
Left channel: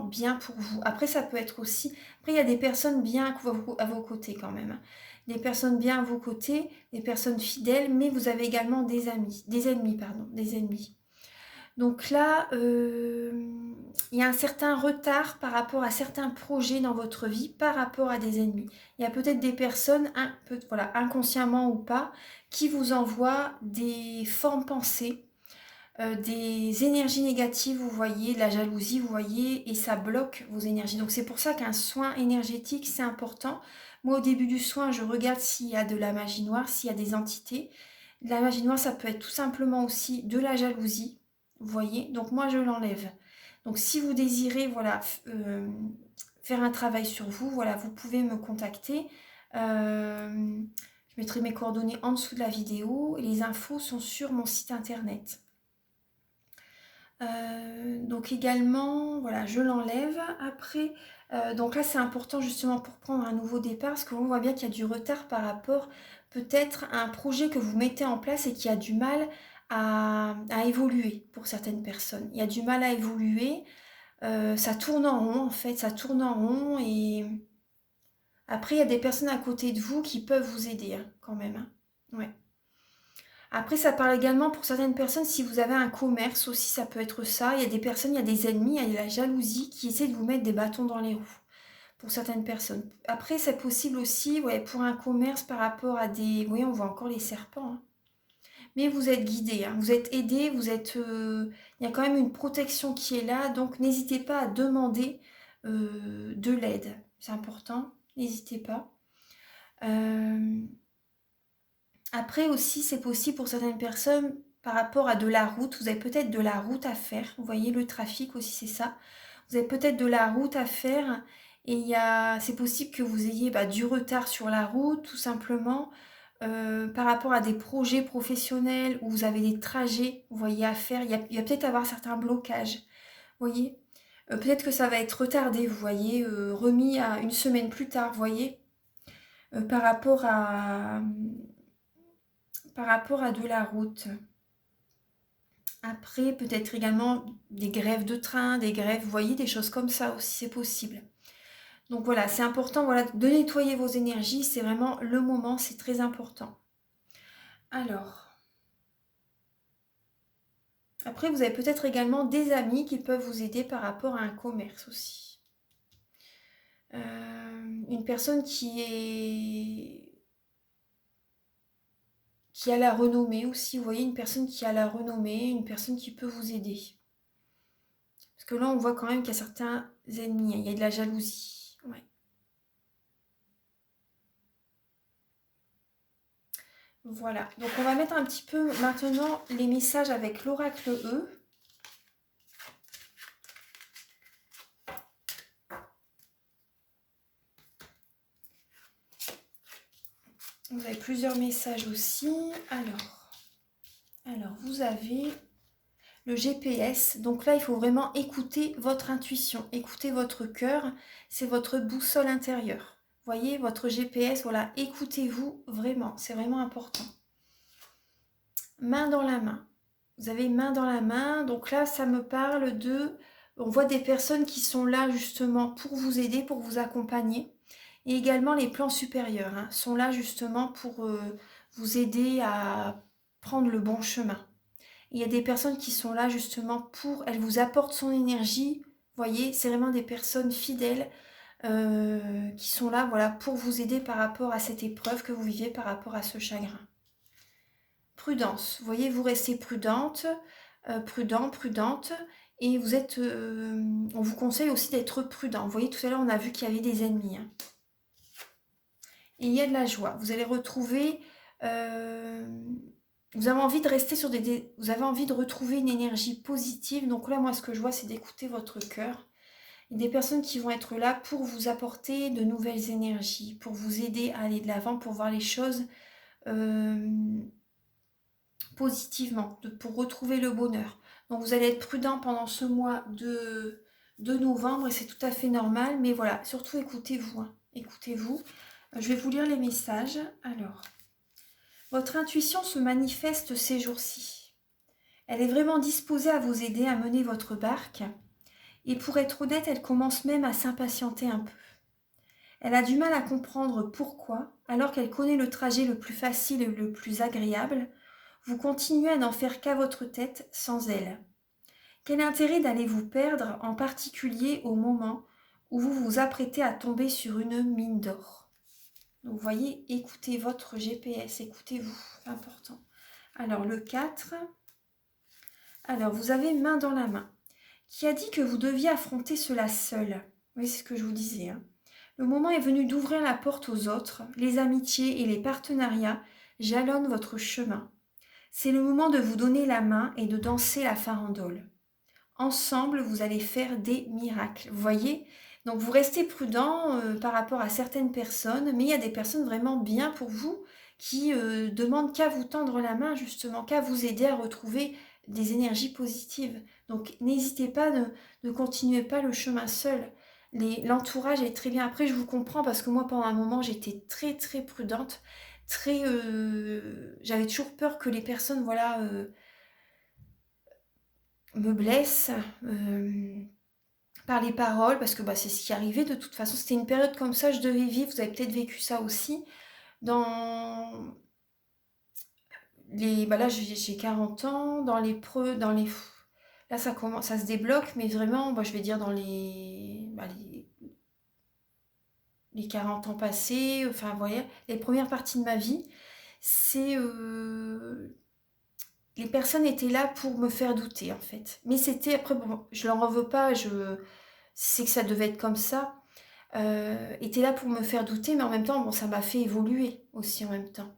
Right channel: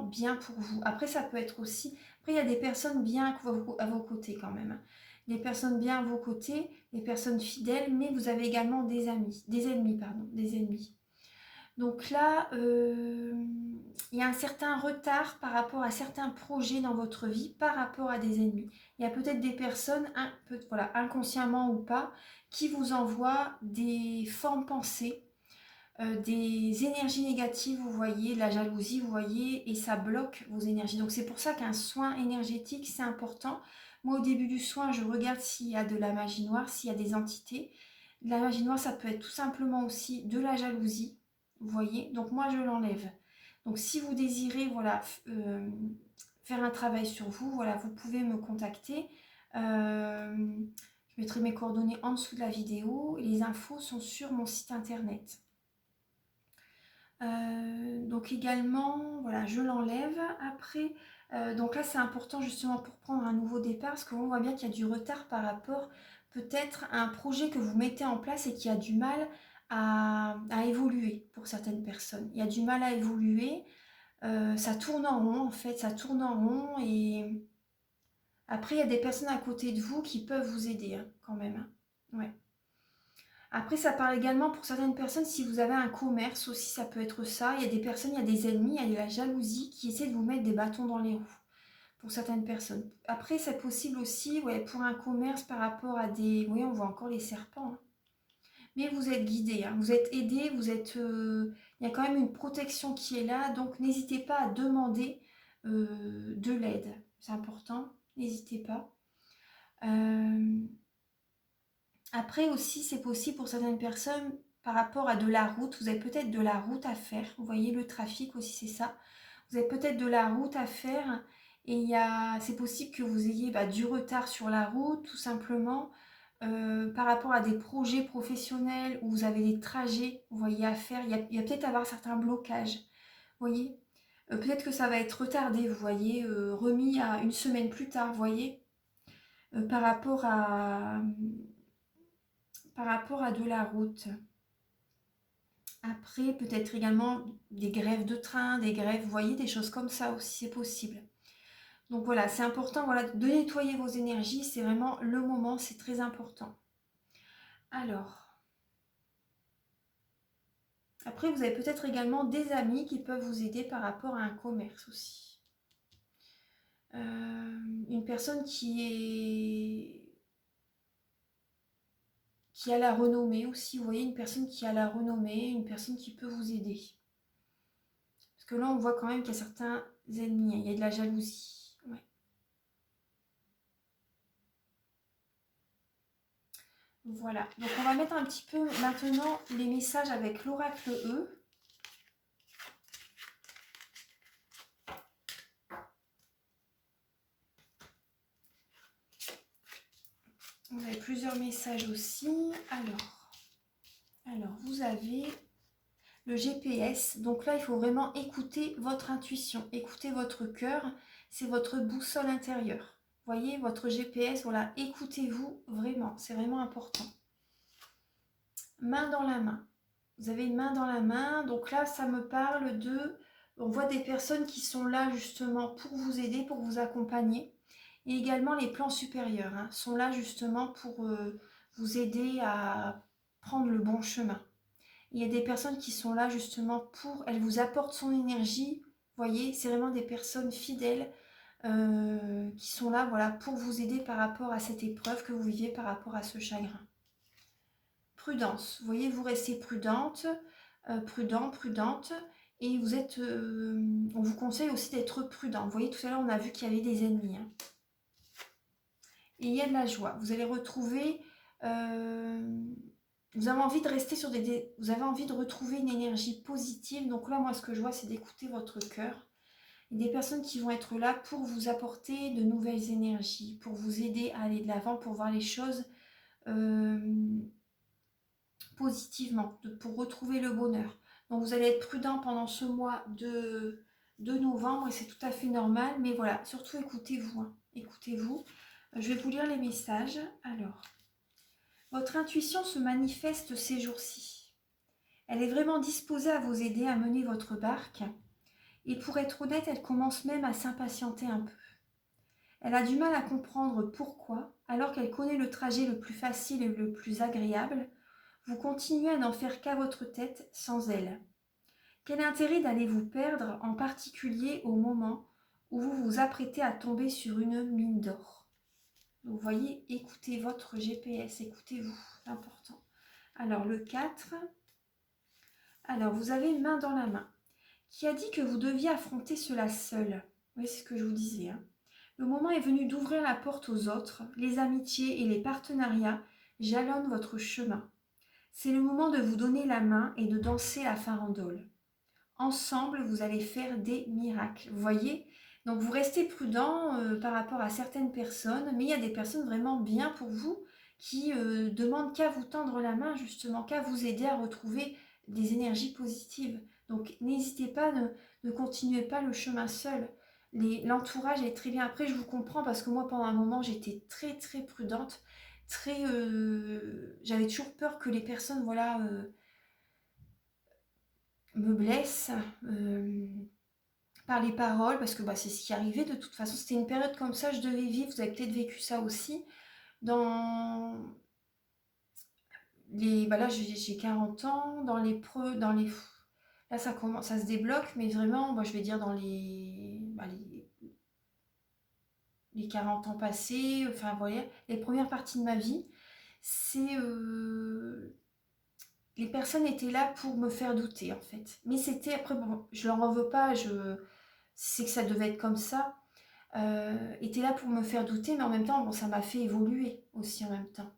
bien pour vous. Après, ça peut être aussi... Après, il y a des personnes bien à vos côtés quand même. Des personnes bien à vos côtés, des personnes fidèles, mais vous avez également des ennemis. Donc là, il y a un certain retard par rapport à certains projets dans votre vie, par rapport à des ennemis. Il y a peut-être des personnes, voilà, inconsciemment ou pas, qui vous envoient des formes pensées, des énergies négatives, vous voyez, de la jalousie, vous voyez, et ça bloque vos énergies. Donc c'est pour ça qu'un soin énergétique, c'est important. Moi, au début du soin, je regarde s'il y a de la magie noire, s'il y a des entités. De la magie noire, ça peut être tout simplement aussi de la jalousie, vous voyez. Donc moi, je l'enlève. Donc si vous désirez, voilà, faire un travail sur vous, voilà, vous pouvez me contacter. Je mettrai mes coordonnées en dessous de la vidéo. Et les infos sont sur mon site internet. Donc également, voilà, je l'enlève. Après, donc là c'est important justement pour prendre un nouveau départ, parce qu'on voit bien qu'il y a du retard par rapport peut-être à un projet que vous mettez en place et qui a du mal à évoluer pour certaines personnes. Il y a du mal à évoluer, ça tourne en rond en fait, ça tourne en rond et après il y a des personnes à côté de vous qui peuvent vous aider hein, quand même. Hein. Ouais. Après, ça parle également pour certaines personnes, si vous avez un commerce aussi, ça peut être ça. Il y a des personnes, il y a des ennemis, il y a la jalousie qui essaie de vous mettre des bâtons dans les roues pour certaines personnes. Après, c'est possible aussi, ouais, pour un commerce par rapport à des... Oui, on voit encore les serpents. Hein. Mais vous êtes guidé, hein, vous êtes aidé, il y a quand même une protection qui est là, donc n'hésitez pas à demander de l'aide. C'est important, n'hésitez pas. Après aussi, c'est possible pour certaines personnes par rapport à de la route. Vous avez peut-être de la route à faire. Vous voyez, le trafic aussi, c'est ça. Vous avez peut-être de la route à faire et c'est possible que vous ayez du retard sur la route, tout simplement, par rapport à des projets professionnels où vous avez des trajets, vous voyez, à faire. Il va peut-être avoir certains blocages. Vous voyez, peut-être que ça va être retardé, vous voyez, remis à une semaine plus tard, vous voyez, par rapport à de la route. Après, peut-être également des grèves de train, des grèves, vous voyez, des choses comme ça aussi, c'est possible. Donc voilà, c'est important voilà, de nettoyer vos énergies, c'est vraiment le moment, c'est très important. Alors, après, vous avez peut-être également des amis qui peuvent vous aider par rapport à un commerce aussi. Une personne qui a la renommée aussi, vous voyez, une personne qui a la renommée, une personne qui peut vous aider. Parce que là, on voit quand même qu'il y a certains ennemis, il y a de la jalousie. Ouais. Voilà, donc on va mettre un petit peu maintenant les messages avec l'oracle E. Vous avez plusieurs messages aussi. Alors vous avez le GPS. Donc là, il faut vraiment écouter votre intuition, écouter votre cœur. C'est votre boussole intérieure. Voyez, votre GPS, voilà, écoutez-vous vraiment. C'est vraiment important. main dans la main. Vous avez main dans la main, donc là ça me parle de... On voit des personnes qui sont là justement pour vous aider, pour vous accompagner. Et également les plans supérieurs sont là justement pour vous aider à prendre le bon chemin. Il y a des personnes qui sont là justement pour... Elles vous apportent son énergie. Vous voyez, c'est vraiment des personnes fidèles qui sont là voilà, pour vous aider par rapport à cette épreuve que vous vivez, par rapport à ce chagrin. Prudence, vous voyez, vous restez prudente, prudente, et vous êtes, on vous conseille aussi d'être prudent. Vous voyez, tout à l'heure, on a vu qu'il y avait des ennemis. Et il y a de la joie. Vous allez retrouver, vous avez envie de rester sur vous avez envie de retrouver une énergie positive. Donc là, moi, ce que je vois, c'est d'écouter votre cœur. Et des personnes qui vont être là pour vous apporter de nouvelles énergies, pour vous aider à aller de l'avant, pour voir les choses positivement, pour retrouver le bonheur. Donc vous allez être prudent pendant ce mois de novembre et c'est tout à fait normal. Mais voilà, surtout écoutez-vous. Écoutez-vous. Je vais vous lire les messages. Alors, votre intuition se manifeste ces jours-ci. Elle est vraiment disposée à vous aider à mener votre barque. Et pour être honnête, elle commence même à s'impatienter un peu. Elle a du mal à comprendre pourquoi, alors qu'elle connaît le trajet le plus facile et le plus agréable, vous continuez à n'en faire qu'à votre tête sans elle. Quel intérêt d'aller vous perdre, en particulier au moment où vous vous apprêtez à tomber sur une mine d'or? Donc, vous voyez, écoutez votre GPS, écoutez-vous, c'est important. Alors, le 4. Alors, vous avez main dans la main. Qui a dit que vous deviez affronter cela seul? Oui, c'est ce que je vous disais. Le moment est venu d'ouvrir la porte aux autres. Les amitiés et les partenariats jalonnent votre chemin. C'est le moment de vous donner la main et de danser la farandole. Ensemble, vous allez faire des miracles. Vous voyez? Donc, vous restez prudent par rapport à certaines personnes, mais il y a des personnes vraiment bien pour vous qui demandent qu'à vous tendre la main, justement, qu'à vous aider à retrouver des énergies positives. Donc, n'hésitez pas, ne continuez pas le chemin seul. L'entourage est très bien. Après, je vous comprends parce que moi, pendant un moment, j'étais très, très prudente. J'avais toujours peur que les personnes, voilà... me blesse par les paroles, parce que bah, c'est ce qui arrivait de toute façon. C'était une période comme ça, je devais vivre, vous avez peut-être vécu ça aussi. Dans les... Bah là, j'ai 40 ans, là, ça commence, ça se débloque, mais vraiment, bah, je vais dire dans les 40 ans passés, enfin, vous voyez, les premières parties de ma vie, c'est... les personnes étaient là pour me faire douter, en fait. Mais c'était, après, bon, je leur en veux pas, c'est que ça devait être comme ça. Étaient là pour me faire douter, mais en même temps, bon, ça m'a fait évoluer aussi en même temps.